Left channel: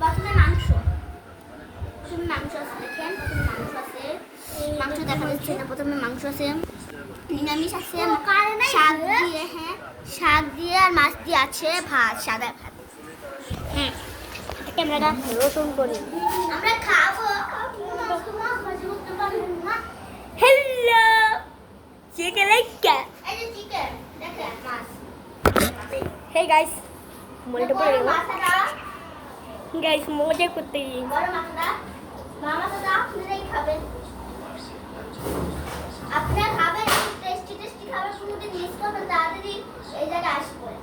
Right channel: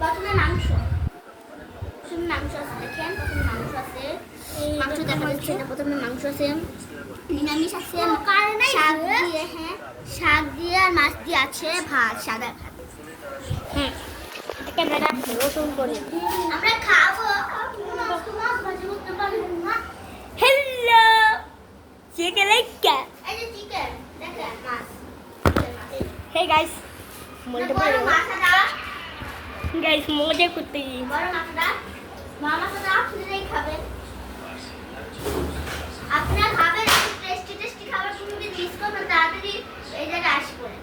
প্রথমে মাংস আছে দেখেন। প্রথমে মাংস আছে, মাংস দেখা যাচ্ছে না। প্রথমে মাংস আছে, নিরামিষ আছে, শাক দিয়ে আর মাছ দিয়ে আছে, ভাত, সাদা ভাত। ক্যামেরাটা রসুন করে আমরা খাবো। হ্যালো চিকেন লেগা এই যে চিকেন দেখেন, মাছ। হে গাইস মনটা পড়ে গেল মাছটা, গাইস মজা করতে বড় মাছটা, মাছটা আপনারাই খাবেন। আপনারা খাবেন, টেস্টি খাবার কোনোদিন মিস করবেন, তাড়াতাড়ি এই জায়গায় আসবেন।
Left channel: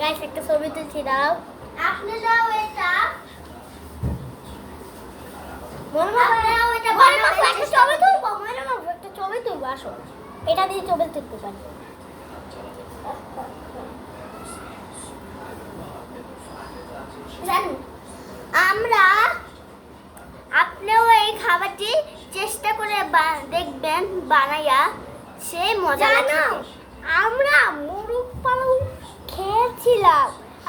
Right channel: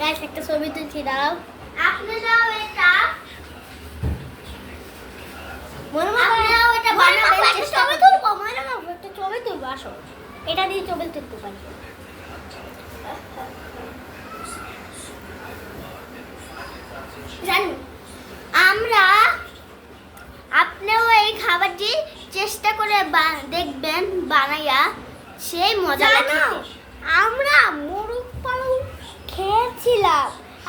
গাইস একটা ছবি তুলছি দাও আপনারাও এটা ছবি তুলবো মানে না একটা ছবি তুলবো আসো এটা দিয়ে ছবি তুলতে পারি জানো আমরা, আপনিও এই খাবারটি চেষ্টা করে দেখবেন বানাইয়া, সেই মজা জানো আমরা মুরগ পালং খেয়েছিলাম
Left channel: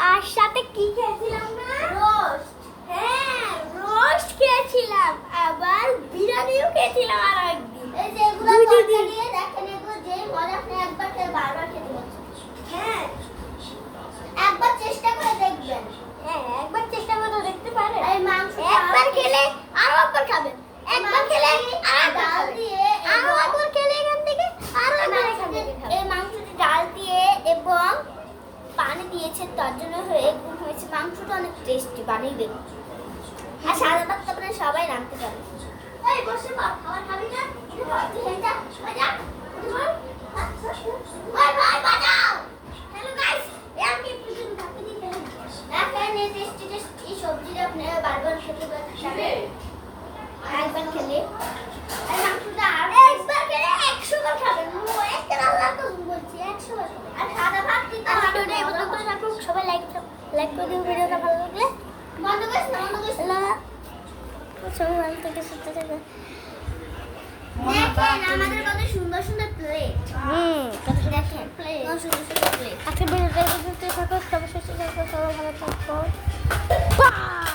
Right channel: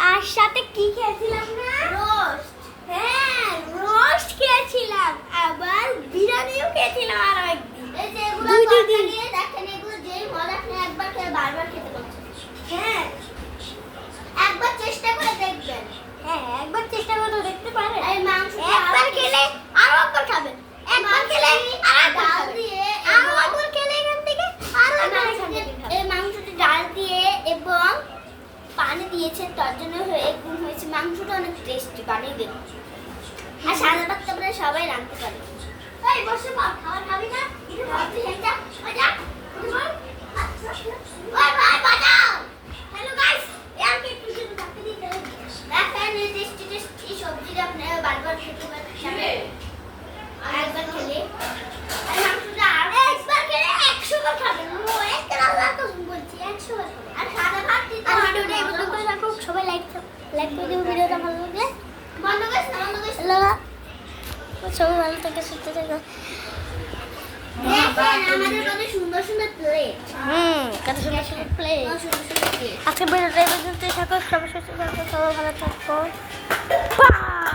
আর সাথে কি খেয়েছিলাম না রোস্ট। হ্যাঁ রোস্ট খেয়েছিলাম আবার বিরিয়ানিও খেয়েছিলাম আর একদিন এই যে এগুলো তরকারি দেখেন, এগুলো যে মজা, আপনি একবার খেলে বারবার খেতে পারছেন। হ্যাঁ একবার চেষ্টা করে দেখবেন। হ্যাঁ একবার চেষ্টা করে দেখতে পারেন এই মাংস একবার খেলে আরো একবার খাবেন একবার খেলে আরেকবার ডাল খাবেন দিয়ে আরো একবার খেলে এখান থেকে আরো একবার এখান থেকে খাবেন এই মাংসটি ডাল দিয়ে এবং পানি দিয়েছে, তার জন্য এরকম হয়েছে। মাংসটা অনেক টেস্টি, বানিয়ে দেবে। আর সাদা ভাত তো আপনারা সবাই রাঁধতে পারেন। এই বসে পড়, খাবার খাবি না? উঠে পড়, তুই হেঁটে যা, উঠে পড়। ওই ভাই বাজাও। হ্যালো গাইস, আমি একটু শুধু ভাতে দিতে দেখেন, এই টেস্টি সবজিটা আপনারা বারবার খেতে পারেন। আরেকবার খেলে আর মাংসটা আরেকবার খেলে 100 বার খাবেন। একটা আল্লাহ তো বলছি 100 বার খাবেন। আর সাদা ভাত দিতে আর ভিডিওটা এই পর্যন্ত থাকুক সবাই লাইক করে দিও ভিডিওটা ভালো লাগলে বন্ধ করিস না, বন্ধ করিস না। হ্যালো সবাই ভালো থাকে সুস্থ থাকে দেখেন আমাদের কত সুন্দর সুন্দর প্লেট। কত সুন্দর প্লেট, সুন্দর সুন্দর প্লেট। আজকে ভিডিওটা এই পর্যন্ত থাকুক সবাই সুস্থ থাকুক সবাই ভালো থাকো বাই